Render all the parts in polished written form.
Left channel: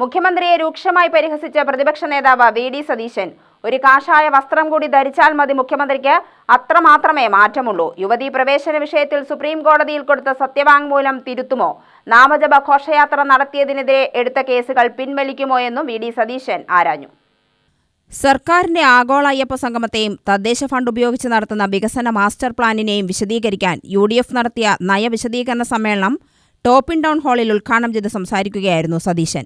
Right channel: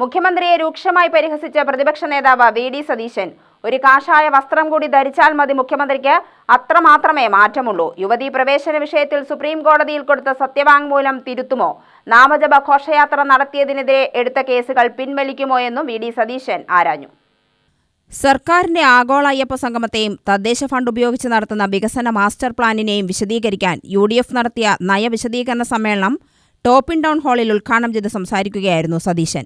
മുഖ്യമന്ത്രിയെ രൂക്ഷമായി പരിഹസിച്ച പ്രതിപക്ഷ നേതാവ് വി.ഡി. സതീശൻ ഒരു കാഷായ വസ്ത്രം കൂടി ധരിച്ചാൽ മതി മുഖ്യമന്ത്രിക്ക് അത്രമാത്രമേ മാറ്റമുള്ളൂ. യുവതീ പ്രവേശന വിഷയത്തിൽ സുപ്രീം കോടതിയിൽ കൊടുത്ത സത്യവാങ്മൂലം തിരുത്തുമോ? നാമജപ ഘോഷയാത്ര നടത്തിയതിനെതിരെ എടുത്ത കേസുകൾ പിൻവലിക്കുമോ എന്നും വി.ഡി. സതീശൻ ആരാഞ്ഞു. സർക്കാരിന്റെ ആഗോള അയ്യപ്പ സംഗമത്തെയും തദ്ദേശ ഫണ്ട് ഉപയോഗിച്ച് നടത്തുന്ന വികസന മാസ്റ്റർ പ്ലാനിനെയും വിശദീകരിക്കാൻ UDF നടത്തിയ നയവിശദീകരണ സമ്മേളനം ടോപ്പിൻ ടൗൺ ഹാളിൽ ഉദ്ഘാടനം ചെയ്ത് സംസാരിക്കുകയായിരുന്നു സതീശൻ.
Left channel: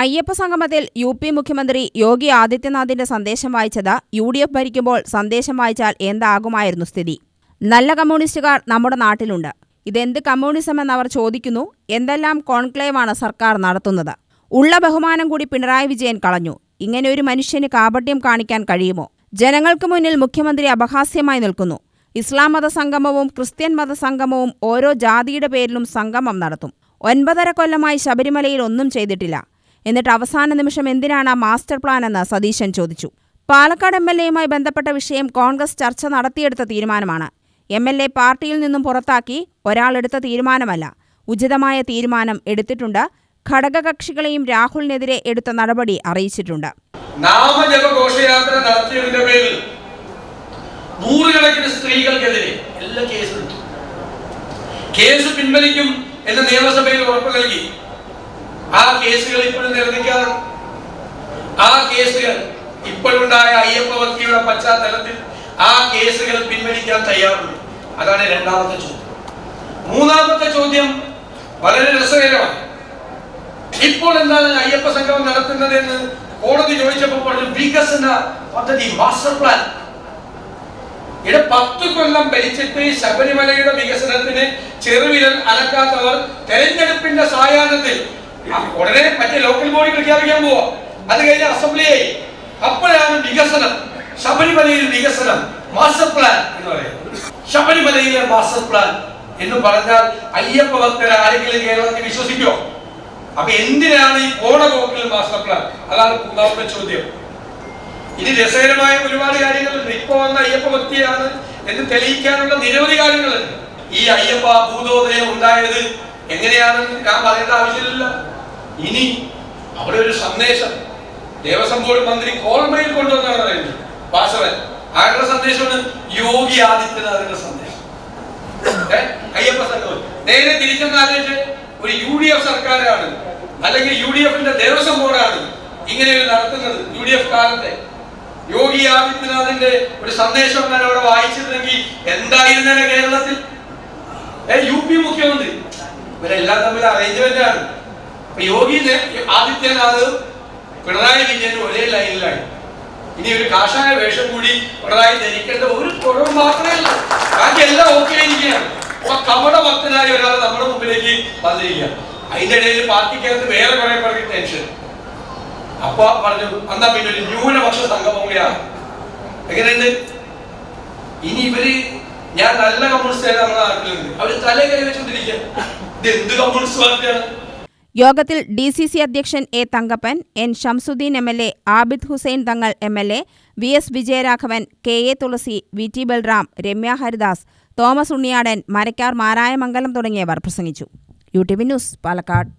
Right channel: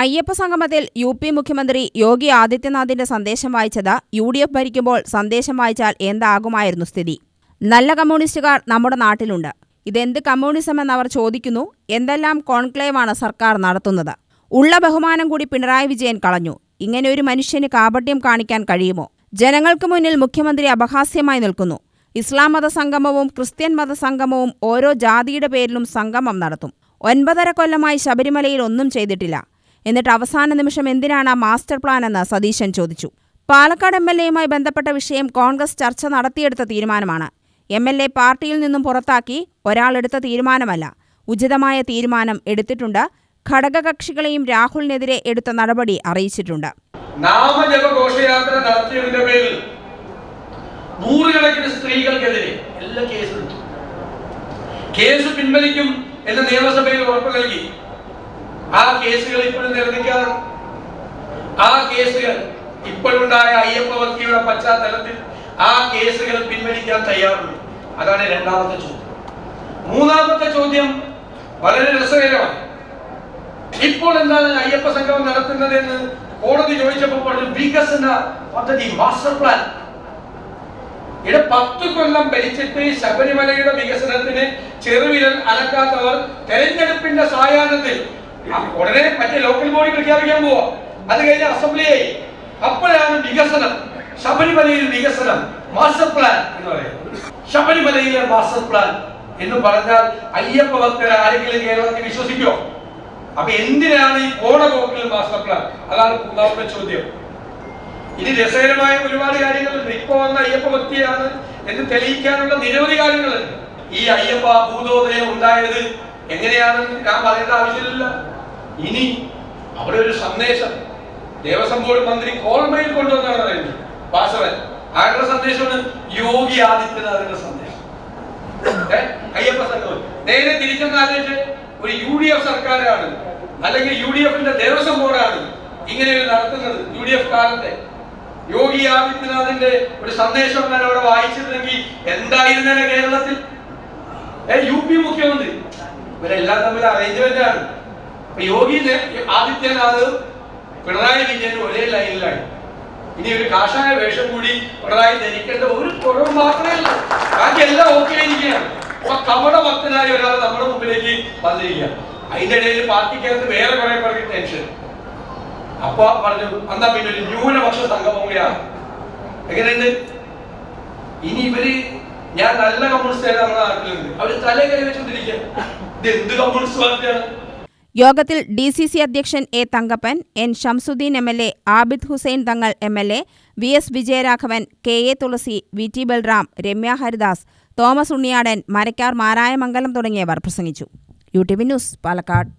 അയ്യപ്പ സംഗമത്തിൽ UP മുഖ്യമന്ത്രി യോഗി ആദിത്യനാഥിന്റെ സന്ദേശം വായിച്ചത് UDF ഭരിക്കുമ്പോൾ സന്ദേശം വായിച്ചാൽ എന്താകുമായിരുന്നു സ്ഥിതി? നല്ല കമ്മ്യൂണിസ്റ്റുകാർ നമ്മുടെ നാട്ടിലുണ്ട്. ഇതെന്ത് കമ്മ്യൂണിസം എന്നവർ ചോദിക്കുന്നു. എന്തെല്ലാം കോൺക്ലേവാണ് സർക്കാർ നടത്തുന്നത്? ഉള്ള ബഹുമാനം കൂടി പിണറായി വിജയൻ കളഞ്ഞു. ഇങ്ങനെ ഒരു മനുഷ്യന് കാപട്യം കാണിക്കാൻ കഴിയുമോ? ജനങ്ങൾക്ക് മുന്നിൽ മുഖ്യമന്ത്രി അപഹാസ്യമായി നിൽക്കുന്നു. ഇസ്ലാം മതസംഗമവും ക്രിസ്ത്യൻ മതസംഗമവും ഓരോ ജാതിയുടെ പേരിലും സംഗമം നടത്തും. 9.5 കൊല്ലമായി ശബരിമലയിൽ ഒന്നും ചെയ്തിട്ടില്ല. എന്നിട്ട് അവസാന നിമിഷം എന്തിനാണ് മാസ്റ്റർ പ്ലാൻ എന്ന് സതീശൻ ചോദിച്ചു. പാലക്കാട് MLAയുമായി ബന്ധപ്പെട്ട വിഷയം കോൺഗ്രസ് ചർച്ച നടത്തിയെടുത്ത തീരുമാനമാണ്. MLA പാർട്ടിയിൽ നിന്നും പുറത്താക്കി ഒരാളെടുത്ത തീരുമാനമല്ല. ഉചിതമായ തീരുമാനം എടുത്തിട്ടുണ്ട്. ഘടകകക്ഷികളെയും രാഹുലിനെതിരെ എടുത്ത നടപടി അറിയിച്ചിട്ടുണ്ട്. നാമജപ ഘോഷയാത്ര നടത്തിയതിന്റെ പേരിൽ നൂറുകണക്കിന് സ്ത്രീകൾക്കെതിരെ എല്ലാ കേസെടുത്തു. കേസ് പിൻവലിക്കും എന്ന് നിയമസഭയിൽ ഉറപ്പ് നൽകി. ആ കേസുകൾ ഇപ്പോഴും നിരസിക്കാതെ ആ കേസുകൾ ഇപ്പോഴുണ്ടായ അയ്യപ്പ ഭക്തിയുടെ പശ്ചാത്തലത്തിൽ ആ കേസുകൾ പിൻവലിക്കാൻ തയ്യാറുണ്ട്. അതാണ് രണ്ടാമത്തെ ചോദ്യം. മൂന്നാമത്തെ ചോദ്യം വളരെ രസകരമാണ്. ഇപ്പോൾ എന്താണ് അയ്യപ്പ സംഗമം നടത്തുന്നത് എന്ന് കോടതി ചോദിച്ചപ്പോൾ പറഞ്ഞു വികസന പദ്ധതി മാസ്റ്റർ പ്ലാൻ. 10 കൊല്ലം ഭരിച്ചിട്ട് ശബരിമലയുടെ വികസനത്തിന് ചെറുവിരൽ അനക്കാത്തവർ തെരഞ്ഞെടുപ്പിന്റെ സായാഹ്നത്തിൽ ഉടനെ മറ്റേ ലോക്കൽ ബോഡി പ്രഖ്യാപിക്കാൻ പോവാ. അത് കഴിഞ്ഞ അസംബ്ലിയായി. അപ്പോഴാണ് വികസനം, ശബരിമലയിൽ വികസനം മാസ്റ്റർ പ്ലാൻ എന്ന് പറയുന്നത്. ശബരിമലയിലെ മാസ്റ്റർ പ്ലാൻ എന്ന് പറഞ്ഞാൽ അയ്യപ്പ ഭക്തർ ആരെങ്കിലും കേരളത്തിൽ വിശ്വസിക്കോ? അപ്പൊ എന്തിനാണ് ഈ പോണപോക്കിൽ മാസ്റ്റർ പ്ലാൻ? അതാണ് മൂന്നാമത്തെ ചോദ്യം. ഇനി രസകരമായ ഒരുപാട് കാര്യങ്ങളുണ്ട്. ഇപ്പൊ വന്ന അയ്യപ്പ ഭക്തിയാണ് എന്ന് തെളിയിക്കാനുള്ള നിരവധി കാര്യങ്ങളുണ്ട്. ഈ അയ്യപ്പ ഭൂതോദയം ഉണ്ടായത് എങ്ങനെയാണെന്ന് ഞാൻ പറയേണ്ട ആവശ്യമില്ല. ഇനി അവിടെ ഒരു സന്ദേശം ദേവസ്വം ബോർഡ് മന്ത്രി കോൾമയിൽ കൊണ്ടുവന്നാണ് പറയുന്നത്. വാസവൻ ആരുടെ സന്ദേശമാണ്? യോഗി ആദിത്യനാഥിന്റെ സന്ദേശം. അയ്യപ്പ സംഘം നേരെ തിരിച്ചെന്നാലോചിച്ച് ഒരു UDF സർക്കാരാണ് അല്ലെങ്കിൽ UDFന്റെ ദേവസ്വം ബോർഡാണ് ഇങ്ങനെ നടത്തുന്നത്. UDF കാലത്തെ യോഗി ആദിത്യനാഥിന്റെ ഒരു സന്ദേശം ഞാൻ അവിടെ വായിച്ചിരുന്നെങ്കിൽ എന്തായിരുന്നേനെ കേരളത്തിൽ? UP മുഖ്യമന്ത്രി ഇവരെല്ലാം തമ്മിൽ അറേഞ്ച്മെന്റ് ആണ്. യോഗി ആദിത്യനാഥ് പിണറായി വിജയൻ ഒരേ ലൈനിലായി. ഇനി ഒരു കാഷായ വേഷം കൂടി പിണറായി ധരിക്കേണ്ട ഒരു കുറവ് മാത്രമല്ല, ബാക്കി എല്ലാം ഓക്കെ ആയിരിക്കുകയാണ്. കപട ഭക്തനായ ഒരാൾ നമ്മുടെ മുമ്പിലേക്ക് വന്നിരിക്കുക. അതിന്റെ ഇടയിൽ പാർട്ടിക്കകത്ത് വേറെ കുറെ പേർക്ക് ടെൻഷൻ. അപ്പൊ പറഞ്ഞു എന്നാ പിന്നെ ഒരു ന്യൂനപക്ഷ സംഗമം കൂടിയാണ്. എങ്ങനെയുണ്ട്? ഇനി ഇവര് ഞാൻ നല്ല കമ്മ്യൂണിസ്റ്റ് നമ്മുടെ നാട്ടിലുണ്ട്, അവര് തല കൈ വെച്ചോണ്ടിരിക്കുക. ഇത് എന്ത് കമ്മ്യൂണിസ്റ്റ് പാർട്ടിയാണ്? യോഗത്തിൽ DCC അധ്യക്ഷൻ A. Thankappan, N. Shamsuddin MLA, Abid Hussain Thangal MLA, VS Vijayaraghavan, KA Thulasi, VT Balram, Ramya Haridas, Thomas Unniyadan, Marakkar Marayamangalam തുടങ്ങിയവർ പ്രസംഗിച്ചു. UTV news, Palakkad.